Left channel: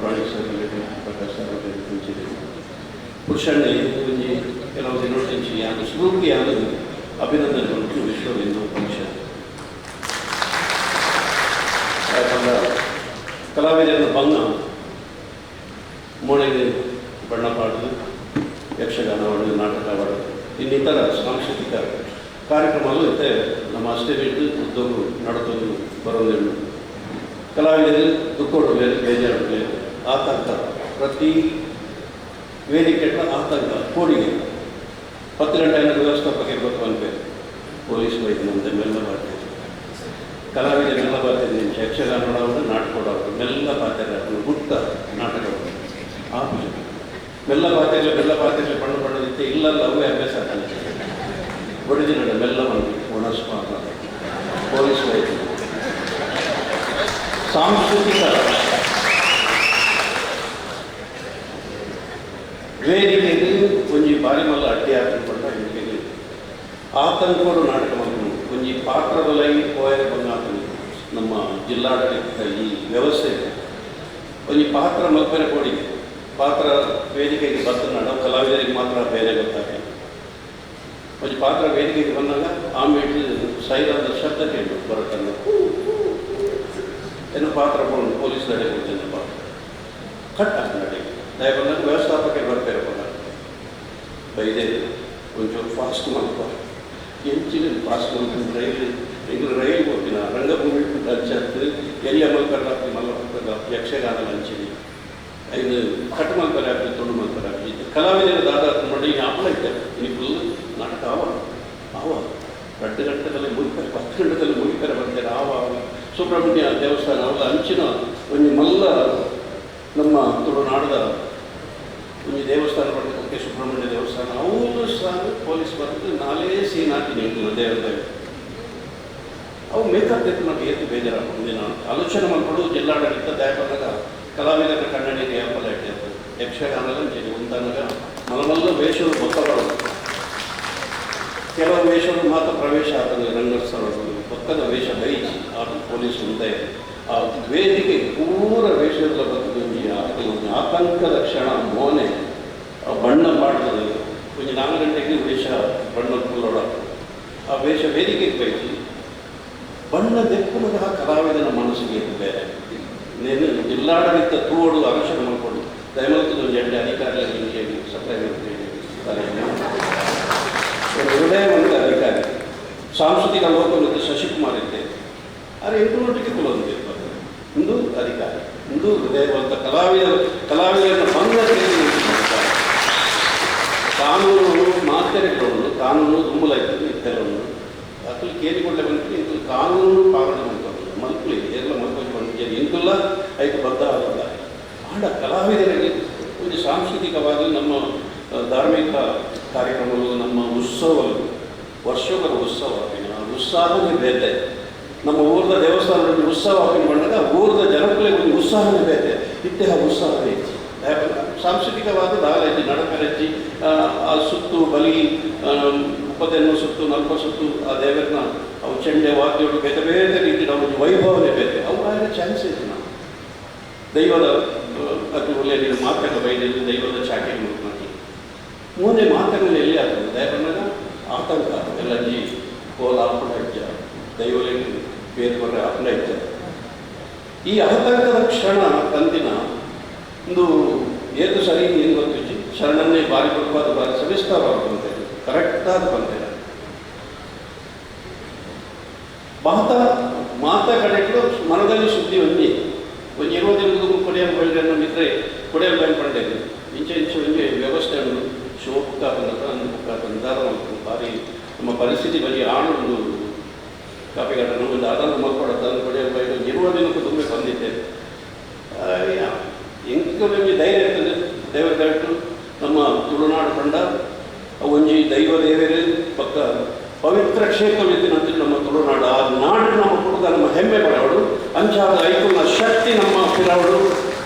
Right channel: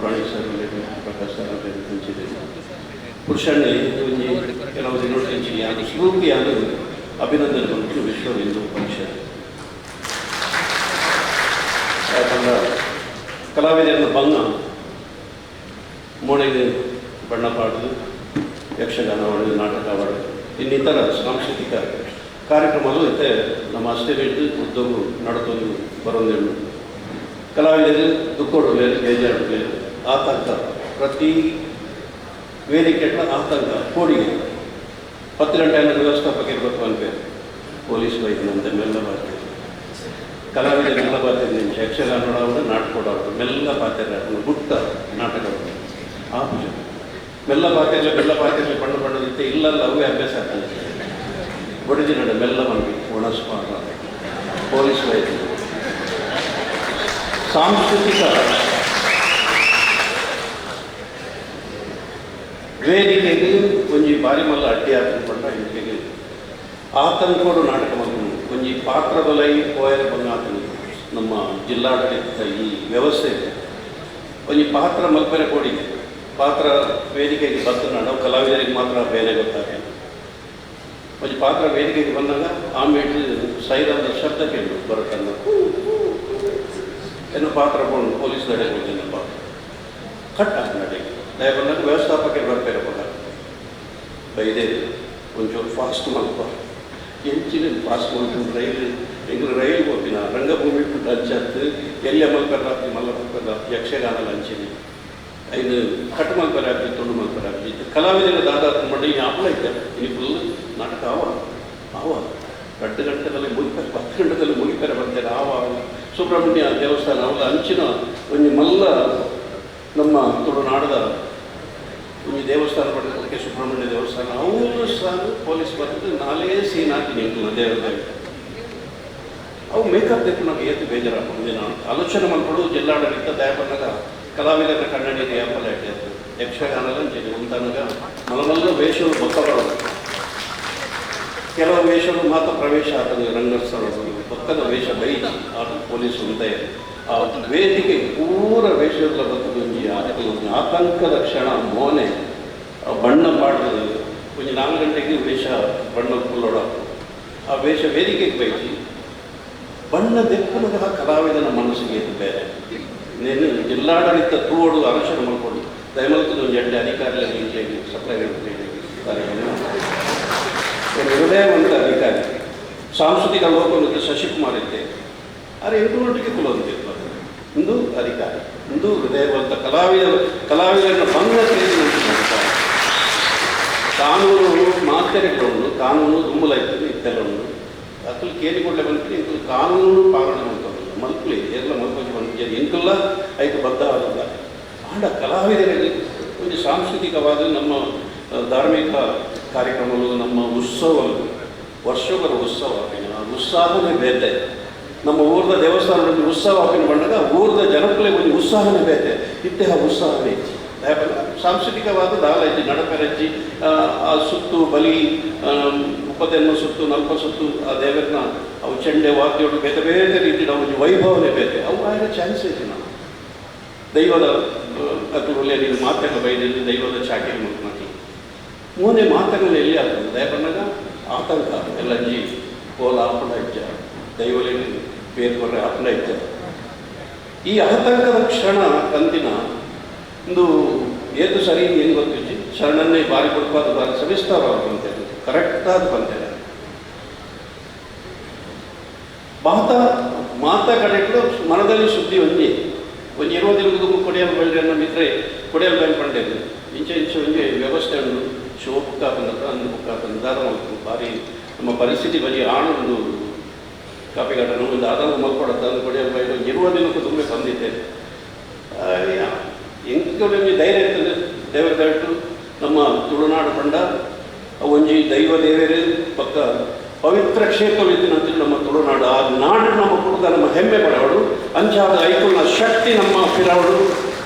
ಪುರಾಣಿಕ sir Prakash sir ಹಂಚಿದೆ ಪುರುಷಣ್ಣಿ ಒಂಜಿ ಕೆಲವು ದಿನೊಟ್ಟಿಂಚಿ ಯಾನು ಶಿವಕ್ಕೆ ಯಾನು ಅಭಿನಂದನೆ ಬಂತು ವಿಶ್ವ ಹಿಂದೂ ಪರಿಷತ್ ಯಾಕಂದ್ರೆ ಕಲಾವಿದರ ಭಂಗ ಮೂಳೆಗೆ ಬಣ್ಣ ಪಾಡುದು ಯಕ್ಷಗಾನ ಆಡೋದು ನಾಟಕ ಆಡೋದು ಇನ್ನಿತರ ಸಾಂಸ್ಕೃತಿಕ ಕಾರ್ಯಕ್ರಮಗಳು ಇತ್ತೆ ನಮ್ಮ ಅಸ್ಟೇಟ್ ಉದ್ಯೋಗ ನಡತೋದು ಬರೋದು ಕಲಾವಿದರು ದುಃಖ ಬೇಜಾರು ಬೇರೆ ಆತಂಕ. ಪ್ರತಿ ವೇದಿಕೆಗಳ ಆತಂಕ, ಕೋಡಿಗೆ. ಹತ್ತು ಗಂಟೆ ಅನ್ನೋದು ವ್ಯವಸ್ಥಾಪಕ ಇರಬೇಕು ಅನ್ಬೇಕು ಪೊಲೀಸ್ ವೈದ್ಯನಂತೆ ಮೆಲ್ಲ ಬರ್ತೀವಿ ಕಲಾವಿದ ಮೆಲ್ಲ ಬರ್ತಿದ್ದೆ ನೋಡೋರು ನಾಟಕ ಕೊಡೋರು ಮೆಲ್ಲ ಪಾತ್ರೆ ಗುಟ್ಟ ನಾಟಕ ಆ ಪೂಜೆ. ಮೆಲ್ಲ ಪಾತ್ರೆಯಲ್ಲಿ ಬೆಲ್ಲ ಪಾತ್ರೆ ಬಣ್ಣ ಬಣ್ಣದಿತ್ತೆ ಇಲ್ಲಲ್ಲ, ಅವೇ ಅಭ್ಯಾಸ ಆಗ್ತದೆ. ಬಡಿದಿ ನಡೆ ಮೆಲ್ಲ ಬಂದು ಒಣಸ್ಮಾರ ಪೊಲೀಸ್ ವೈದ್ಯ. ಸಾಂಸ್ಕೃತಿಕ ವೇದಿಕೆಗೆ ಒಂಜಿ ಬಾರಿ ಮಲ್ಲ ಅಡ್ಡಿ ಹಾಕಿಕೊಂಡ ವೇದಿಕೆಗೆ. ಆತಂಕೋಡು ನಾಟಕ ಮಲ್ಕೊಂಡು ಒಂಜಿ ಪಾತ್ರದೊಲೈ ಪೋಯರ್ ಬಂಗಾತನಿ ನಮ್ಮ ಜಿಲ್ಲಾಡಳಿತ ಈ ವ್ಯವಸ್ಥೆ. ಒಂಜಿ ಪಾತ್ರ ಮಲ್ಪೆರೆ ಕೋಡಿ. ಪಾತ್ರ ವೇದಿಕೆಗೆ ಬಂದ ನಾವು ಕಲಾವಿದರಿಗೆ ಮಾತ್ರ ಬೇರೆ ಗೊತ್ತಾಗ ಒಂಜಿ ಪಾತ್ರ ವೇದಿಕೆಗೆ ಬಂದಾಗ ಆಮೇಲೆ ಸೈರಾದ ಶಬ್ದ ಕೇಳು ಬರುತ್ತಲ್ಲ ಏನು ಪಾತ್ರ ಪೊಲೀಸ್ ನಡೆ ಕೊಡ್ತೇನೆ ಪಾತ್ರ. ಕಟ್ ಆಗಿ ನಡೆಗೆ ದಯ ಬಂದಾಗ ವ್ಯವಸ್ಥಾಪಕರು ಬರ್ತಾರೆ. ಪದ ಬೈದೆ ಒಂಚೂರು ಫಾಸ್ಟ್ ಮಲ್ಪ ಎಂಚಿನ ಫಾಸ್ಟ್ ಮಲ್ಕೊಂಡು ರೈಲು ಎಂಗ್ಳು ರೈಲು ಹೋಗ್ತಿನ ರಂಗಭೂಮಿ ಬಿಟ್ಟು ಅಂಚತ್ತು ಎಲ್ಲಿ ಮಲ್ಪರ ರಾತ್ರಿ ಮಲ್ಲ ಮಲ್ಪರ ಯಕ್ಷಗಾನ ಅಂಚಿನಿ ಐದು ಕಟ್ ಮಲ್ಪರ ಆಗ್ತದೆ ತುಂಡು ಮಲ್ಪರ ಆಗ್ತದೆ ಕಲಾವಿದರ ದಾದ ಮಾಡಿ ಆಪಲ ಇದ್ದಾರೆ ಇಲ್ಲಿ ಫುಲ್ ನಾಟಕ ಆವ ಆವ ಗಂಟೆ ಗಂಟೆದಲ್ಲಿ ಮುಗಿತಾರೆ ಹತ್ತು ಗಂಟೆದಲ್ಲಿ ಮುಗಿತಾರೆ ಬರ್ತಾರೆ ಆವ ಸುಬ್ರಹ್ಮಣ್ಯ ದೇವಸ್ಥಾನ ಅವಳ ಅಂಚಿನ ಒಂದು ಮಲ್ಲ ನಮ್ಮ ತುಳುನಾಡದ ಒಂದು ದೇವಸ್ಥಾನ ಪಡೆದಕ್ಕೆ ಸುಬ್ರಹ್ಮಣ್ಯ ದೇವಸ್ಥಾನ, ಅವರು ಸಹ ಪೊಲೀಸ್ ಬರೆದು ನಾಲೇ ಸೀನ್ ಹಾಕಿ ನಿಂತು ದೇವರದಲ್ಲಿ ಅವು ಮೇಕಪ್ ತೆಗೆದು ನಮಗೆ ಏತು ಬೇಜಾರು ಮುಂದಿನ ಆಲೋಚನೆ ಮಾಡಿಕೊಡು ಜಿಲ್ಲಾಡಳಿತ ದಯ ಬಂದಾಗ ಕಲಾವಿದರ ಕನ್ನಡಿಗೆ ಆಪಲ ಇಟ್ಟಿತ್ತು ಯಕ್ಷಗಾನದ ಅಂಚೆನೆ ಒಂದನಗ ಮಲಮಲ್ಲ ವೇಷಗಳು ಬೊಕ್ಕ ಬರೋದು ಕೆಲವು ವೇಷಗಳು ಮಾತ್ರ ಪ್ರವೇಶ ಆತನಿಗೆ ರಂಗಸ್ಥಳ ಪಕ್ಕದ ವೇಷ ಬೈಜಿ ಆತ ಪೊಲೀಸ್ ಮುಂದೆ. ಆ ವೇದಿಕೆ ಪೂರ ವೇಷದಲ್ಲಿ ಬಂದು ಕೆಲವೊಂದು ಆತಂಕದ ಕ್ಷಣ, ಮೋನೆ ಬಣ್ಣ ಪಾಡ್ತದೆ ಒಂದು ನಾಲ್ಕು ಗಂಟೆಗೆ ವೇಷ, ಬಣ್ಣ ಕುಲ್ಲೋಡ ಆ ವೇಷ ವೇದಿಕೆಗೆ ಬೈತಿ ಬಣ್ಣ ದೆಪ್ಪನದ ಕಲಾವಿದನ ಮನಸ್ಸಿಗೆ ಇದು ಬೇರೆ. నేను ಜಿಲ್ಲಾಡಳಿತ ತೂಡು ಅನುಷ್ಠಾನ ಮಾಡಿಕೊಂಡು ದಯಮಲ್ತದ ಒಂದು ಎಂಟು ಅಧಿಕಾರಿಗಳಿಗೆ ಹಿಂಗೆ ಸಪ್ಲೈ ಹೃದಯವಂತ ಅಧಿಕಾರಿ. ಸಾಂಸ್ಕೃತಿಕ ಲೋಕದ ಶಶಿಕುಮಾರ್ ಇದ್ದೆ. ಆದರೆ ಎಂಟುನೊಟ್ಟಿಗೆ ಕುಲೊಂದಿರ್ಬೋದು ಇಂದು ಅಧಿಕಾರಿ ಇಂದು ಹೃದಯವಂತ ಕಲಾವಿದ, ಕಲಾವಿದರನ್ನು ಭಂಗ ಕಾನೂನು ಮಾತೆರೆಗಳು ಕಾನೂನು ದುಮ್ಮಲ ಇರ್ತದೆ ಇತ್ತೆಲ್ಲವನ್ನು ಅಕ್ಕಲು ಬಂದರೆ ಬಂದ್ರೆ ಇಂದು ಕಾನೂನು ಪಾಲನೆ ಮಾಡ್ತಾರೆ ಮಲ್ಪಲಿ ಎಲ್ಲ ಮಲ್ಪಲಿ ಬಂದಿದೆ ಇಂಕಲ್ಲ ಐದು ಬದ್ಧ ಆಗಲ್ಲ ಆಡ ಕಲಾವಿದರಲ್ಲಿ ಒಂದು ಸಾಂಸ್ಕೃತಿಕವಾದ ನಮ್ಮ ಧಾರ್ಮಿಕ ಕಾರ್ಯಕ್ರಮಗಳು, ನಮ್ಮ ಉತ್ಸವಗಳು. ವರ್ಷಗಳ ಉತ್ಸವ ಉತ್ಸಾಹವೇ ಬೇರೆ. ನಮ್ಮ ಊರದ ದೇವಸ್ಥಾನದಲ್ಲಿ ಉತ್ಸವ ಹಾಕಿನ ಬಂದಾಗ ಊರದ ಜನಕ್ಕೆ ಒಂದು ಉತ್ಸಾಹನೇ ಬೇತೆ. ಹೆಚ್ಚಿ. ಯಾಕಂದ್ರೆ ಸಾಂಸ್ಕೃತಿಕವಾದ ಹೆಚ್ಚಿ. ನಡಕರಚ್ಚಿ ಆ ಸುತ್ತು, ಬಲಿ ಉಪದೆನ್ನು ಸುತ್ತು, ನಲ್ಪ ಸುತ್ತು, ಆ ದೇವರನ್ನ ಅವು ಚೆಂಡೆ ವಾದ್ಯಗಳು ಬೇರೆ ಬೇರೆ ರೀತಿ ನಾವು ವೈಭವನೇ ಬೇತೆ. ಅವು ಆಗ ಚಾನ್ಸ್ ಐತಿ ನಾವು ದೈವದ ಅದ್ರಲ್ಲಿ ನೀವು ಮಾತಕ ಬೈದಲ್ಲಿ ದೈವದ ಚಾಟಿ ಮುಖ್ಯಮಂತ್ರಿ ಮುಂದೆ ಮಾತುಗಳು ಎಲ್ಲಿ ಆಗ್ತದೆ? ದಯ ಬಂದಾಗ ಆತಂಕ ಎಲ್ಲ ಜೀ ಕೋಲ ಆಪಣ ದೈವದಲ್ಲಿ ಬೇರೆ ಅಪ್ಲ ಇದ್ದಾರೆ ಈ ಆತಂಕದ ಕ್ಷಣ ಕಂತಿನ ಒಂದು ಏನು ಸರಿ ಏನು ಗೊತ್ತಿಜ್ಜಿ ಶರಣನ್ನೇ ಬಾರಿ ಕೊಡ್ಪಾದ ಬಾರಿ ಸವಿಸ್ತಾರವಾಗಿ ಬಂತೇನೆ ಕರೆಕ್ಟಾಗಿ ಬಂತೇನೆ ಮಾತ ಮಾತ ಕಡೆಗಳು ಮನದಲ್ಲಿ ಸುದ್ದಿ ಒಂಜಿ ಒಂಜಿ ಇರುವ ದಿನದ ಕೊಡಿಯಲ್ ಅನ್ನೋ ಇದ್ರೆ ಕೊಡಿಯಲ್ ಪಂಡೇದು ಇಂಚೆ ಇಂಚೆ ಒಂಜಿ ವ್ಯವಸ್ಥೆ ಉಂಡು ಶೋ ಬಂದ ಅನ್ನು ಅಂದು ಬುಕ್ಕ ಬಂದಾರ ಬಾರಿ ನಮ್ಮ ಪರಿಸ್ಥಿತಿ ಬರೀ ಆಣು ಒಂದು ಕಾಪಿ ಘಟನೆ ಅದನ್ನು ಆಧಾರ ಮಲ್ಕೊಡತ್ತ ಕೊಡಿ ಅಂತ ಇರುವ ದಿನಕ್ಕೂ ತುಂಬ ಸಂದಿದ್ದೆ ಇಂಥ ನಿಮಗೆ ಧೈರ್ಯ ಇರ್ತದೆ. ದೇವರ ದಯವಿಟ್ಟು ನಮ್ಮ ತುಳುನಾಡು ತಂಡ ಒಂಜಿ ದೈವ ದೇವರೇ, ಪಕ್ಕ ಪವಿತ್ರ ಕ್ಷೇತ್ರವಿದ್ದಿನಂತ ನಮ್ಮ ತುಳುನಾಡು. ಆ ನಾಡು ನಮ್ಮ ಕುಟುಂಬ ನಮ್ಮ ಹೆಮ್ಮೆ ಪಡವಳು ಅಂಚಾದ ಐಕುಲ್ನ ಶಕ್ತಿ ನಮ್ಮ ಪಿರವಳು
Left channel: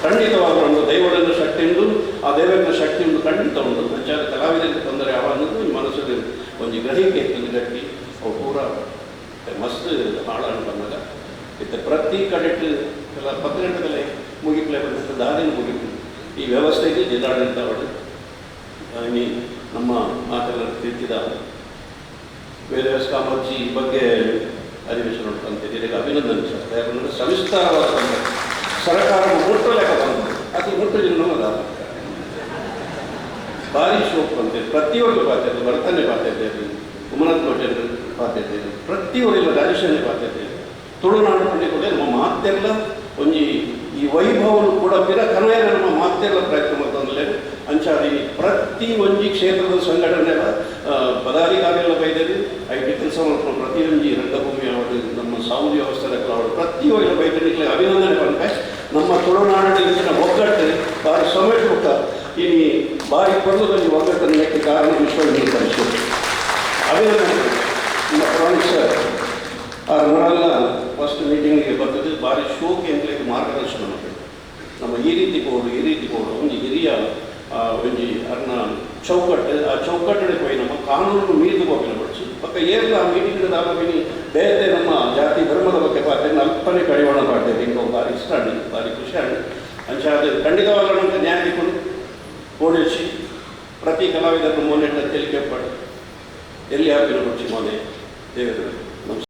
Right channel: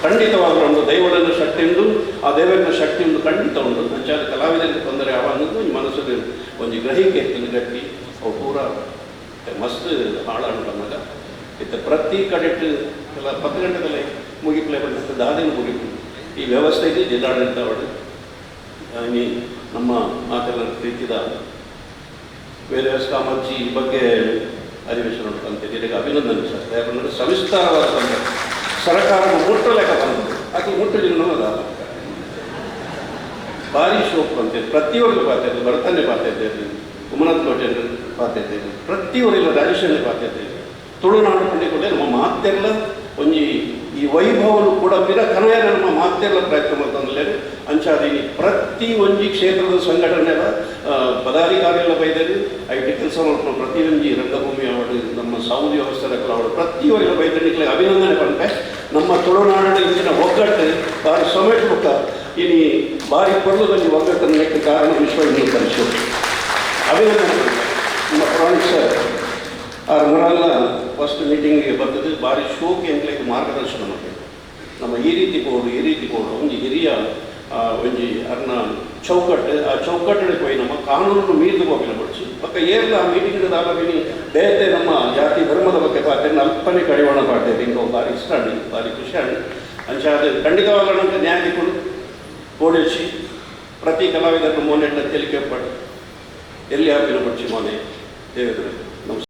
ಖಂಡಿತವಾದ ಒಂದು ದೈವದನ್ನು ಶಕ್ತಿ ಉಂಟು. ಆ ದೇವರ ಶಕ್ತಿ ಉಂಟು ಖಂಡಿತ ಉಂಟು. ಅಂಚಾದ ಕಲಾವಿದರಿಗೆ ತೊಂದರೆ ಯಾವ ಅನ್ನೋದು ಈ ಮನಸ್ಸಲ್ಲಿ ಒಂದು ಗ್ರಹಿಕೆ ಇರ್ತದೆ. ಗಟ್ಟಿ, ಅವು ಪೂರ ಮಸ್ತ್ ಹಾಳಾಡು ಮಗ ಇತ್ತ ಪ್ರತಿ ಕಡೆಟ್ ಎಲ್ಲ ಪತ್ತು ಗಂಟೆದಲ್ಲಿ ಮುಗಿಪ್ಲೆ ಬಂದಂಥ ದಾರಿನ ಮುಗಿಪು ಈ ವ್ಯವಸ್ಥೆಗೆ ಜಿಲ್ಲಾಡಳಿತ ಈ ನಮ್ಮ ಮಾತೆಲ್ಲ ತಿಳಿಸಿದ ಬೇರೆ ಈ ಬಗ್ಗೆ ಅಧಿವೇಶನ ಉಂಟಂತೆ ಇದಕ್ಕೆ ಅಭಿನಂದನೆ ಸರ್ ಯಾಕಂದರೆ ಸವಿಸ್ತಾರವಾದ ಸರ್ಕಾರ ಮುಟ್ಟಲೆಕ್ಕ ಬಂತು. ಅದು ಮುಟ್ಟಲಿಲ್ಲ ನಮ್ಮದ ಭಾರಿ ಶೋಕ್ ಅಂತೇಳಿ ಪ್ರತಿಯೊಂದು ಪಾತ್ರ ಬರ್ತಾನೆ ಪಾತ್ರ ಇದ್ದೇವೆ ಉಮನಾಥ್ ಕೋಟೆಯನ್ನು ಇದೆ ಇದ್ದೇವೆ ಪ್ರತಿಯೊಂದು ರಾಜೇಶನ್ನೇ ಪಾತ್ರ ಇದ್ದೇವೆ ತುಳುನಾಡು ಪಂಡಿತರೆ ನಮ್ಮ ಮಾತೆಲ್ಲ ಒಂಜಿ ಈ ವೈಭವನು ಕೂಡ ಪಿರ ಕನೆಯ ನಮ್ಮ ಮಾತೆಲ್ಲ ಪ್ರಯತ್ನ ಮಾಡ್ತಂದ್ರೆ ಅಂಚಾದಿ ಪ್ರತಿ ಒಂಜಿ ಕ್ಷೇತ್ರದ ಸಂಘಟನೆ ಪದಾಧಿಕಾರಿಗಳ ಬೈದಲ್ಲಿ, ಐಟಿ ಕೆಲಸ ಮಾಡ್ಕೊಂಡು ಪ್ರತಿ ಒಂಜಿ ರಂಗಭೂಮಿ ಅವರು ನಮ್ಮ ಸೌದಿ ವ್ಯವಸ್ಥೆ ಅವರು ಪ್ರತಿಯೊಂದು ಬೈದನಿಗೆ ಅಭಿನಂದನೆ ಬಂದರೆ ನಮ್ಮ ತುಳುನಾಡಿನ ಇಂದಿನ ಒಗ್ಗಟ್ಟು ಸೊಮೆಟ್ ಮುಖ. ಇನಿ ಬಾರಿ ಪರ್ವದಲ್ಲಿ ಒಗ್ಗಟ್ಟನ್ನು ಕಾರಣ ವಿಶ್ವ ಹಿಂದೂ ಪರಿಷತ್ ಅಭಿನಂದನೆ. ನಮ್ಮ ಪ್ರಾಣಿಕ್ ಸರ್ ಆ ಮುರಲ್ಲ ಫಸ್ಟ್ ಮೀಟಿಂಗಿಗೆ ಬರ್ತದೆ ಭಾರಿ ಶೋಕಿ ಅಂತ ಇದು ಮಾರ್ಗದರ್ಶನ ಮಾಡಬೇಕು ನಮ್ಮ ಈ ರೀತಿ ಬೋರ್ಡು ಈ ರೀತಿ ಬೋರ್ಡು ಒಂದು ಹಿರಿಯ ಆ, ಒಂಜಿ ಅರ್ನ ಚೌಕಟ್ಟು ಆ ಚೌಕಟ್ಟಿಗೆ ಹೋಗಿ ನಮ್ಮ ಕಾನೂನು ಮೀರಿದು ಹೋಗಿನ ಪಡಿಸಿ ಪಕ್ಕ ಏರ್ಲ ಆ ಮೀಟಿಂಗ್ ದಾಲವಿನಿ ಬೇರೆ ನಮ್ಮ ಜಾತಿ ಧರ್ಮದ ಬಗ್ಗೆ ಪಾತ್ರೆ ಅಲ್ಪನೆ ಕಡಿವಾಣ ಪಾಡ್ತೇವೆ ಇಂಕೊ ಭಾರಿ ಇಷ್ಟ ಆಡಿ ಭಾರಿ ಖುಷಿ ಆಡಿ ಅಂಚ ಅದು ಖಂಡಿತವಾಗಲಂತ ನ್ಯಾಯದಿಕೊಂಡು ಓಡಿಸಿ ಪ್ರತಿ ಕಲಾವಿದರನ್ನು ಮೋನೆಟ್ಟ ತೆಲಿಕೆ ಪಟ್ಟು ಎಲ್ಲಿ ಹಾಕಿನ ಬಡ್ಚಿ えー、